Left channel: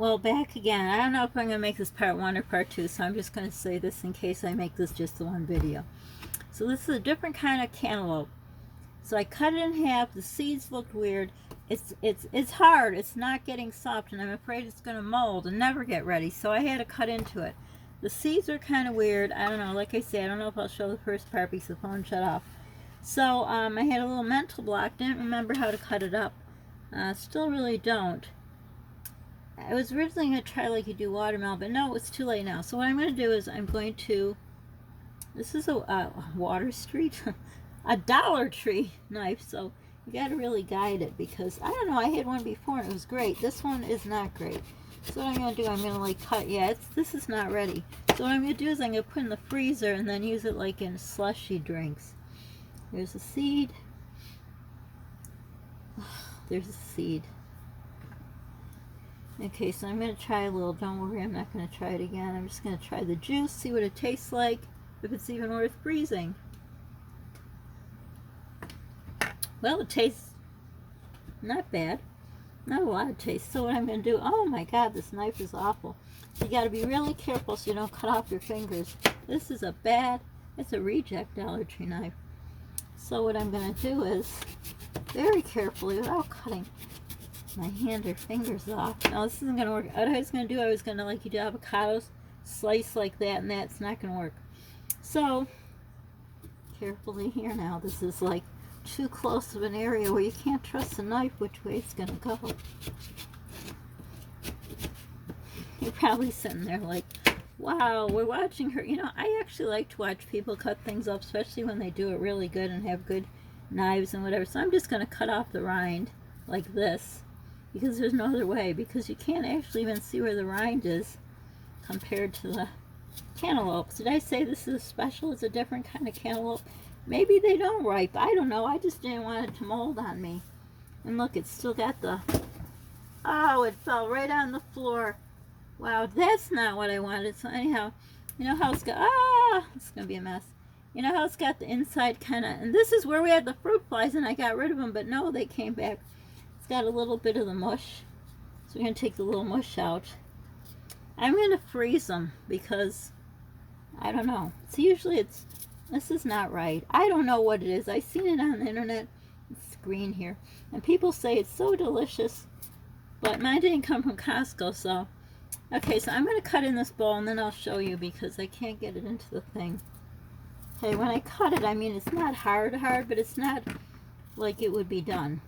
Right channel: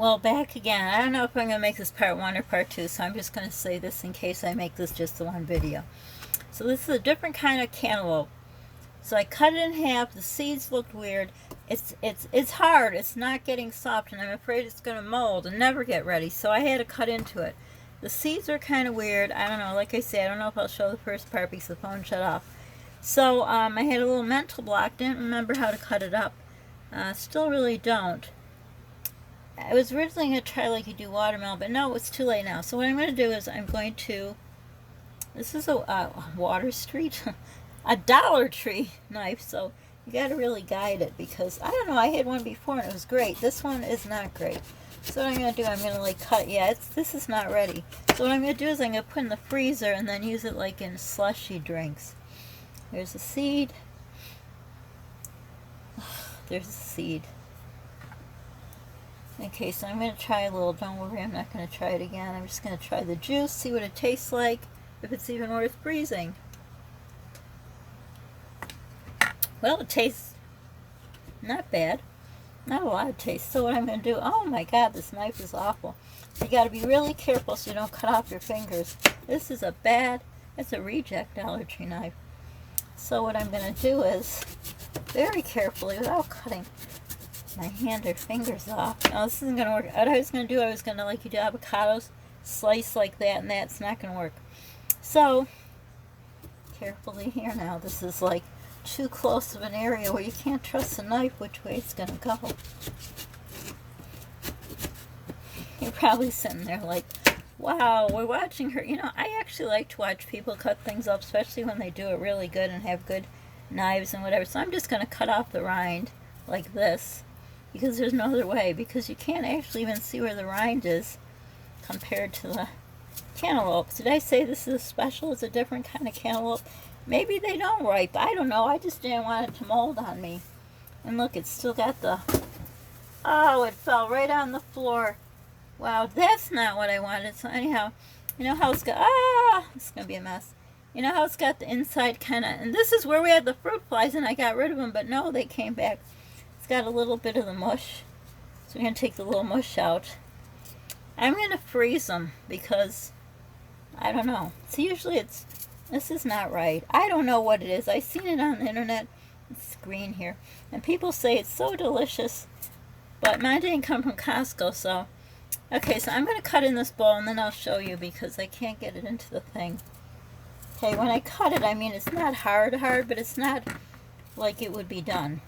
Well, back again. I don't know if I'm going to make this part 1 or part 2, so I'm just going to say this in case I make this just the one video. So this is a different kind of cantaloupe. So I cut it in half. The seeds looked weird. It's hard. It's not getting soft, and I'm afraid it's going to mold and never get ready, so I had to cut into it. The seeds are kind of weird. I don't know. Like I said, I don't know if I'll show the first part because the phone shut off. So I had a little mental block. Didn't remember how to cut it up. Still really don't. I was originally going to try like you do watermelon, but no, it's too late now. So what I'm going to do is I'm going to, this is a Water Street, a Dollar Tree knife, so you got to really guide it because, I don't know, I had one before and it was great. This one is not great. So what I'm going to do, I'm going to like cut, this is not ready. So what I'm going to do is I'm going to put it in the freezer and then use it like in slushy drinks. There's a seed. There's a seed. Okay, so I'm going to try a little. Don't worry, I'm not going to try it again. I'm just going to try the juice, see what it tastes like, if it's even worth freezing. Well, it tastes not bad. Not a lot of taste. So what I'm going to do, oh my God, this knife is awful. You got to be really careful so you don't cut off your fingers. This is it's a reject Dollar Tree knife. So what I'm going to do is, very carefully, without cutting my hand or fingers off. Now this isn't going to work. What I was going to do, I was going to, like you do avocados, slice like that, and that's not going to work. So, carefully here now. This is like too close of an area where you can't trust the knife which way it's going to go. You're probably sitting there like, wow, we're watching her. You know, I actually like to watch people cut things up, especially when they do it really good and have good knives and whatever. So I'm just going to cut off the rind like this, because there's no other way, because you can't actually even see where the rind is compared to the cantaloupe. Did I say this is special? It's a different kind of cantaloupe. Maybe they don't ripe. I don't know. I just didn't want it to mold on me. And look, it's still got the... Oh, it fell right on the floor. Wow, that's not what I wanted. So anyhow, you know how it's got... Ah! It's going to be a mess. You know how it's got the inside kind of... And this is where we had the fruit flies, and I got rid of them, but no, they came back. It's got a little bit of the mush. So we're going to take the little mush out. I'm going to freeze them because... I don't know. So usually this is not right. I don't know what it is. I've seen it on the internet. It's green here. And people say it's so delicious. But mine didn't come from Costco, so... Okay, so I'm going to cut in this bowl and then I'll show you because I can't get it into the thing. Okay, when I cut it, I mean, it's not hard, but it's not like it would be done.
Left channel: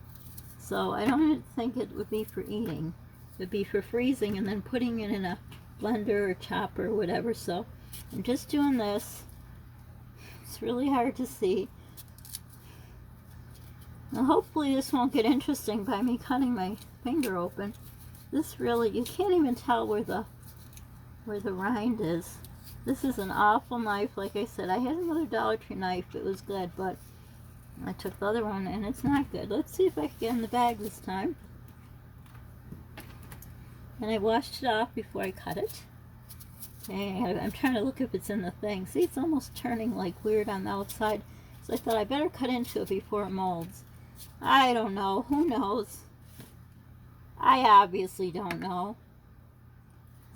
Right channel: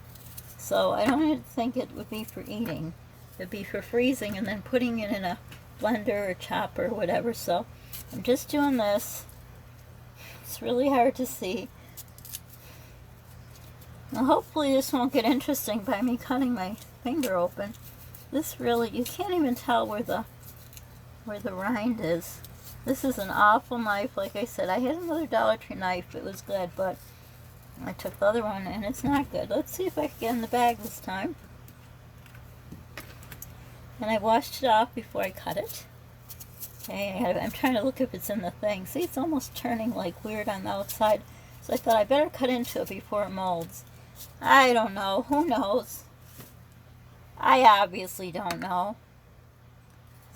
So I don't think it would be for eating. It would be for freezing and then putting it in a blender or chopper or whatever. So I'm just doing this. It's really hard to see. Now hopefully this won't get interesting by me cutting my finger open. This really, you can't even tell where the rind is. This is an awful knife. Like I said, I had another Dollar Tree knife. It was good, but I took the other one and it's not good. Let's see if I can get in the bag this time. And I washed it off before I cut it. Okay, I'm trying to look if it's in the thing. See, it's almost turning like weird on the outside. So I thought I better cut into it before it molds. I don't know. Who knows? I obviously don't know.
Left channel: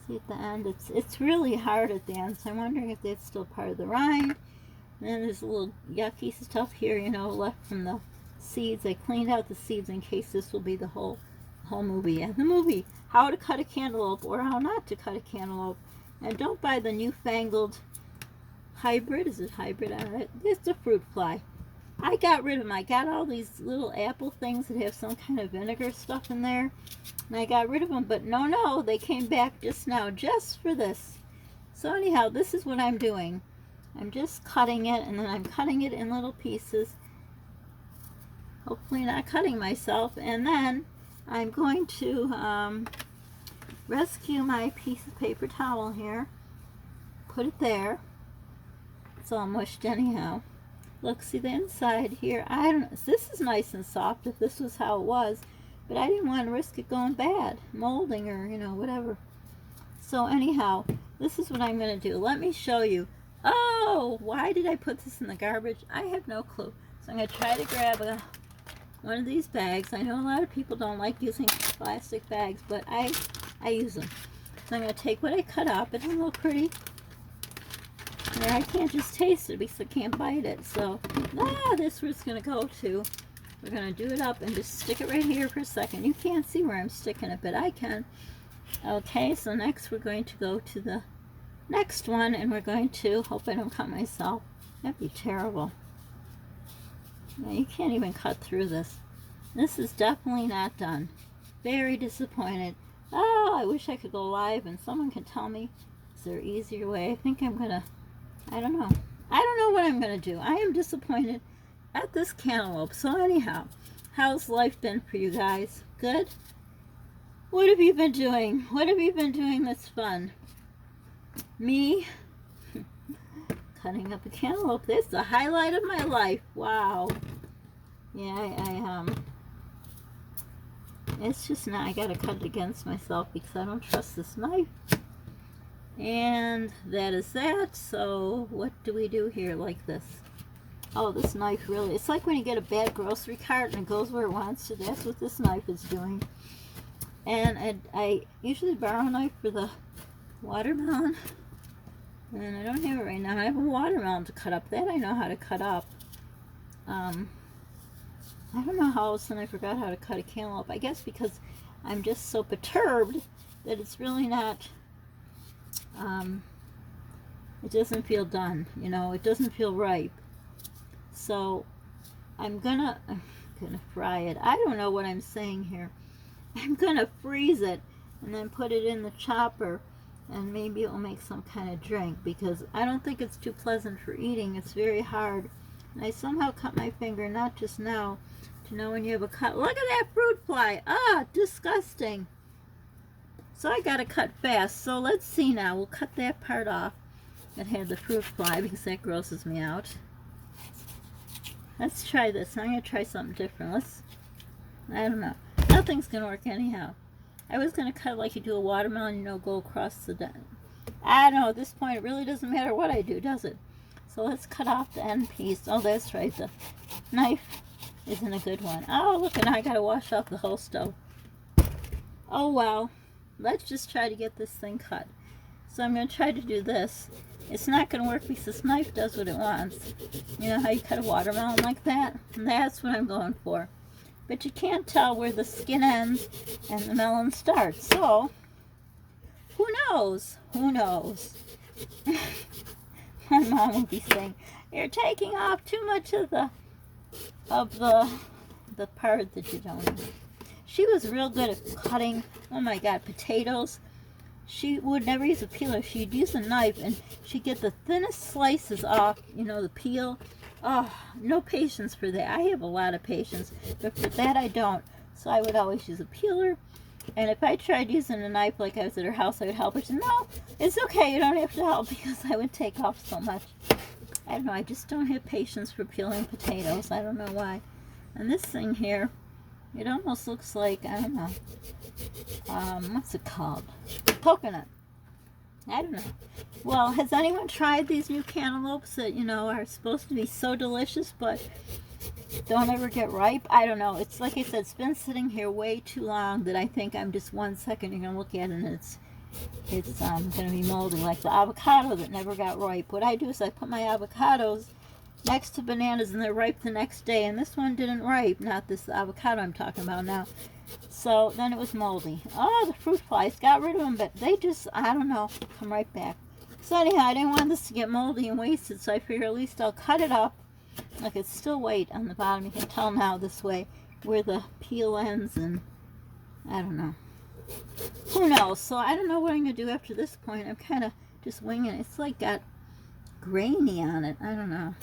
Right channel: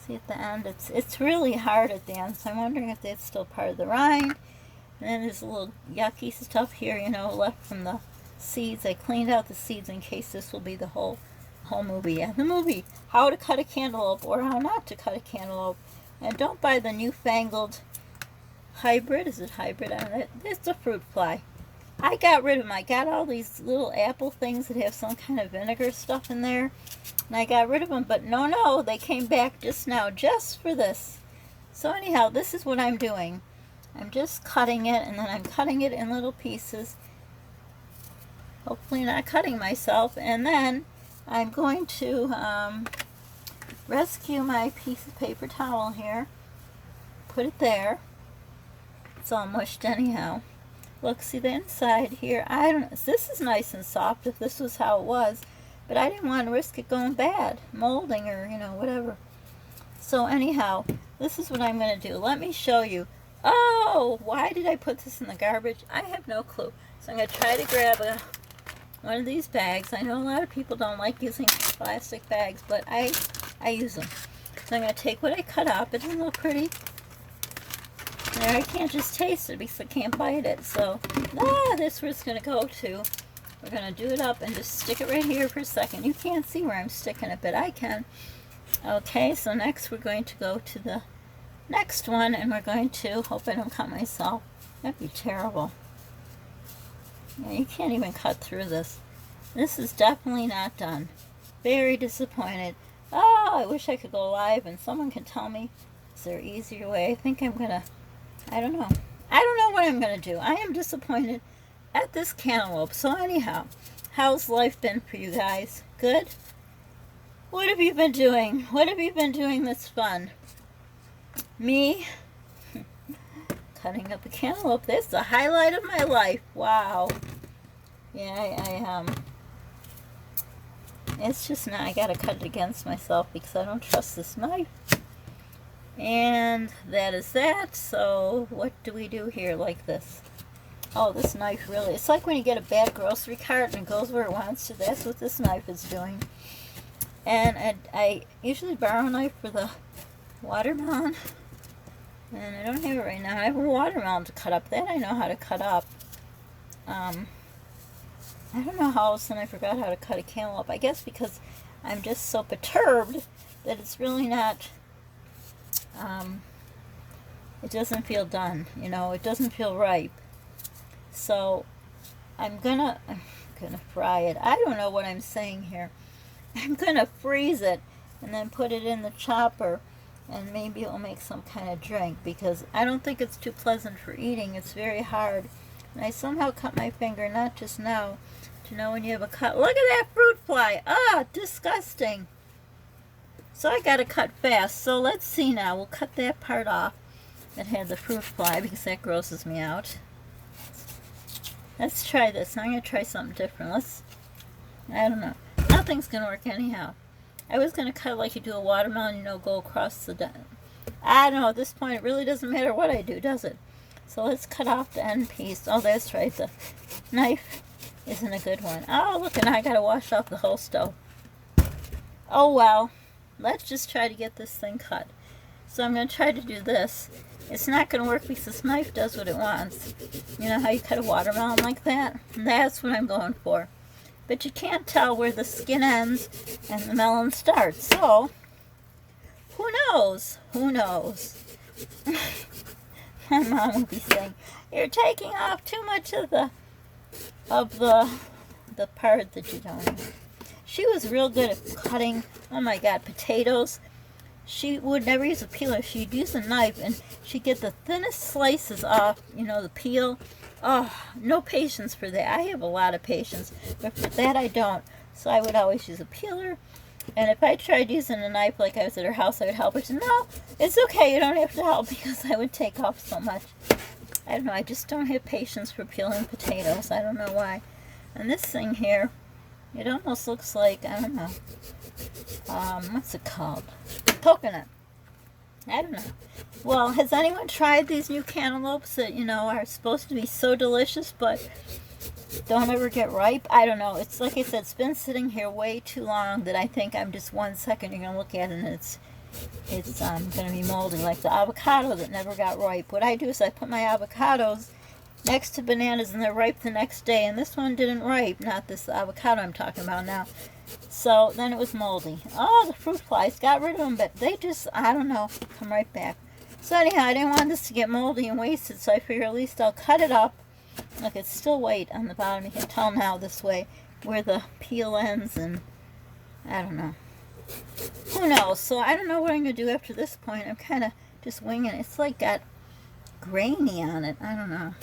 See at the end, it's really hard at the end, so I'm wondering if that's still part of the rind. And then there's a little yucky stuff here, you know, left from the seeds. I cleaned out the seeds in case this will be the whole movie. Yeah, the movie, How to Cut a Cantaloupe or How Not to Cut a Cantaloupe. And don't buy the newfangled hybrid. Is it hybrid on it? It's a fruit fly. I got rid of them. I got all these little apple things that have some kind of vinegar stuff in there. And I got rid of them, but no, they came back just now, just for this. So anyhow, this is what I'm doing. I'm just cutting it, and then I'm cutting it in little pieces. Hopefully not cutting myself. And then I'm going to rescue my piece of paper towel here. Put it there. It's all mushed anyhow. Look, see the inside here. I don't know. This is nice and soft if this was how it was. But I didn't want to risk it going bad. Molding or, you know, whatever. So anyhow, this is what I'm going to do. Let me show you. Oh, why did I put this in the garbage? I have no clue. So I'm going to try to grab one of these bags. I know a lot of people don't like using plastic bags, but I I use them. So I'm going to take what I cut up. It doesn't look pretty. There, I can't just taste it because I can't bite it. So, this where it's going to go to. We're going to do it up and just stick it right here for a second. You can't see where I'm sticking it, but I can. Okay, so next we're going to go to the next one, and we're going to, hope I don't cut myself. That'd be terrible. Yeah, you can't even cut through this. This is definitely not done. Very disappointed. Oh, I wish I could go live and someone can tell me, is there an easier way? I think I'm gonna, I don't know. I don't know what I'm gonna do. I am disappointed at this cantaloupe. So anyhow, how's life been for you guys? Good? What have you been doing? What have you been doing that's fun? Me? Cutting up a cantaloupe. That's the highlight of my life. Wow. Yeah, it's just not, I gotta cut it against myself because I don't trust this knife. And that is that. So what do we do here like this? Oh, this knife really, it's like when you get a bad grocery cart and it goes where it wants to. That's what this knife is doing. And I usually borrow a knife for the watermelon. And I don't have it right now. I have a watermelon to cut up. That I know how to cut up. I don't know how all of a sudden I forgot how to cut a cantaloupe. I guess because I'm just so perturbed that it's really not, it doesn't feel done, you know, it doesn't feel ripe. So I'm gonna fry it. I don't know what I'm saying here. I'm gonna freeze it and then put it in the chopper, and maybe it'll make some kind of drink, because I don't think it's too pleasant for eating. It's very hard. And I somehow cut my finger, not just now, to know when you have a cut. Look at that fruit fly. Ah, disgusting. So I gotta cut fast. So let's see now. We'll cut that part off that had the fruit fly because that grosses me out. Let's try this. I'm gonna try something different. I don't know. Nothing's gonna work anyhow. I was gonna cut like you do a watermelon, you know, go across the, I don't know, at this point it really doesn't matter what I do, does it? So let's cut off the end piece. Oh, that's right, the knife isn't a good one. Oh, look, and I gotta wash off the whole stove. Oh, well, let's just try to get this thing cut. So I'm gonna try to do this. It's not gonna work because this knife does what it wants. You know how you cut a watermelon like that? That's what I'm going for. But you can't tell where the skin ends and the melon starts. So, who knows? Who knows? My mom will be saying, you're taking off too much of the part that you don't need. She was real good at cutting, oh my God, potatoes. She would never use a peeler. She'd use a knife, and she'd get the thinnest slices off, you know, the peel. Oh, no patience for that. I have a lot of patience, but for that I don't. So I would always use a peeler. And if I tried using a knife like I was at her house, I would help her. She said, no, it's okay, you don't have to help, because I would take off so much. I don't know, I just don't have patience for peeling potatoes. I don't know why. And this thing here, it almost looks like, I don't know, what's it called? Coconut. I don't know. Well, has anyone tried these new cantaloupes that, you know, are supposed to be so delicious, but don't ever get ripe? I don't know. It's like I said, it's been sitting here way too long that I think I'm just 1 second you're going to look at it and it's going to be moldy, like the avocado that never got ripe. What I do is I put my avocados next to bananas and they're ripe the next day, and this one didn't ripe, not this avocado I'm talking about now. So then it was moldy. Oh, the fruit flies, got rid of them, but they just, I don't know, come right back. So anyhow, I didn't want this to get moldy and wasted, so I figure at least I'll cut it up. Look, it's still white on the bottom. You can tell now this way where the peel ends, and I don't know. Who knows? So I don't know what I'm going to do after this point. I'm kind of just winging it. It's like got grainy on it. I don't know.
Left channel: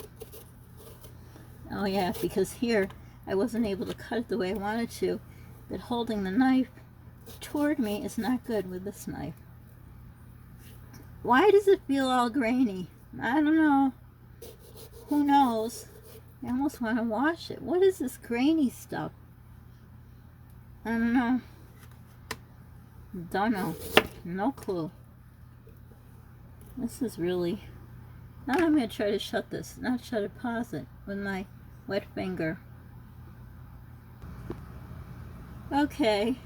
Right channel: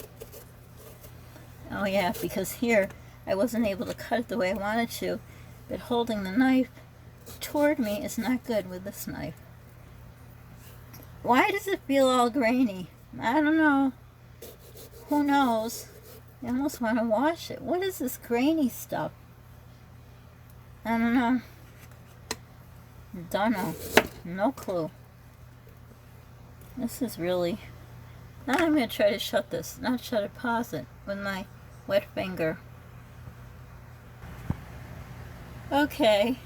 Oh yeah, because here I wasn't able to cut it the way I wanted to. But holding the knife toward me is not good with this knife. Why does it feel all grainy? I don't know. Who knows? I almost want to wash it. What is this grainy stuff? I don't know. Don't know. No clue. This is really... Now I'm going to try to shut this. Not shut it, pause it with my wet finger. Okay.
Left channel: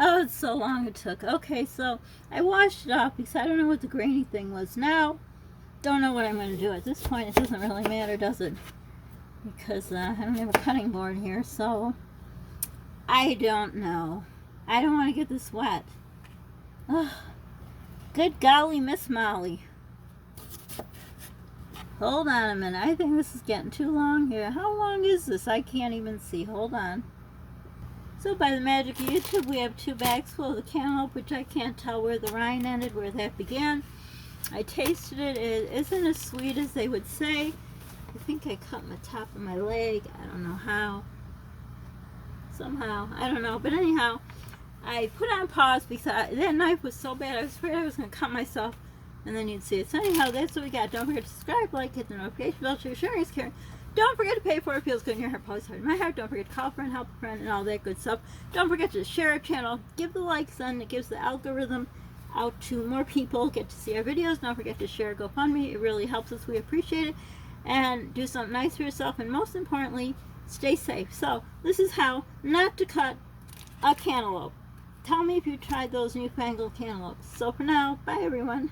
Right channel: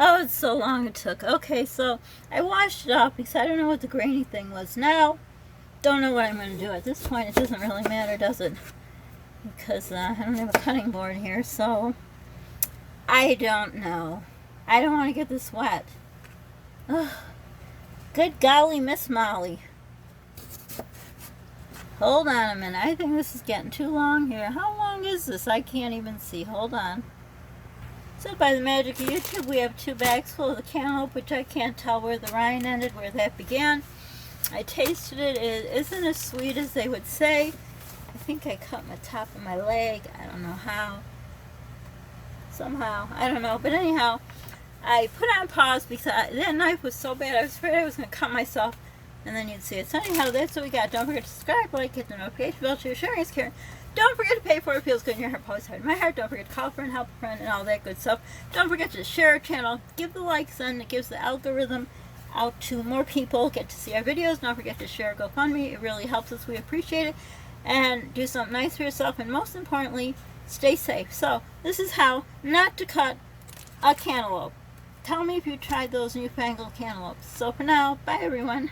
Oh, it's so long it took. Okay, so I washed it off because I don't know what the grainy thing was. Now, don't know what I'm going to do. At this point, it doesn't really matter, does it? Because I don't have a cutting board here, so I don't know. I don't want to get this wet. Oh, good golly, Miss Molly. Hold on a minute. I think this is getting too long here. How long is this? I can't even see. Hold on. So by the magic of YouTube, we have 2 bags full of the Cantaope, which I can't tell where the rind ended, where that began. I tasted it. It isn't as sweet as they would say. I think I cut my top of my leg. I don't know how. Somehow. I don't know. But anyhow, I put on pause because that knife was so bad. I was afraid I was going to cut myself. And then you'd see it. So anyhow, that's what we got. Don't forget to subscribe, like, hit the notification bell to your sharing is caring. Don't forget to pay for it. It feels good in your heart, always hard in my heart. Don't forget to call a friend, help a friend, and all that good stuff. Don't forget to share our channel. Give the likes, and it gives the algorithm out to more people. Get to see our videos. Don't forget to share GoFundMe. It really helps us. We appreciate it. And do something nice for yourself. And most importantly, stay safe. So this is how not to cut a cantaloupe. Tell me if you tried those newfangled cantaloupes. So for now, bye everyone.